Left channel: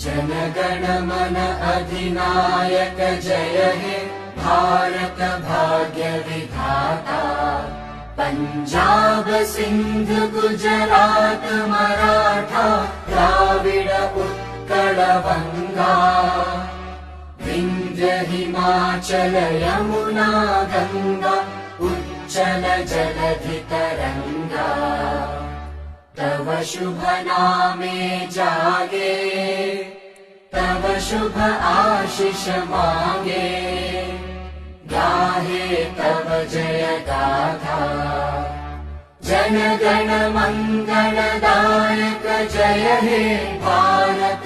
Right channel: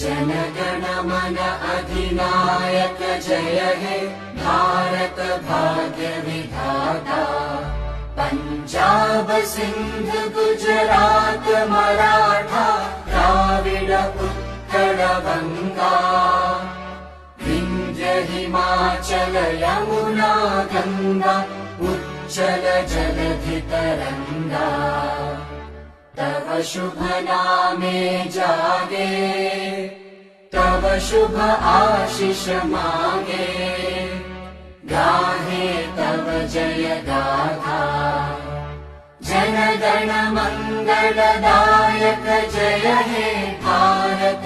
जनगण मन अधिनायक जय हे भारत भाग्य विधाता। पंजाब सिंध गुजरात मराठा द्राविड उत्कल बंगा। विंध्य हिमाचल यमुना गंगा उच्चल जलधि तरंगा। तव शुभ नामे जागे तव शुभ आशीष मांगे। गाहे तव जय गाथा जन गण मंगलदायक जय हे भारत।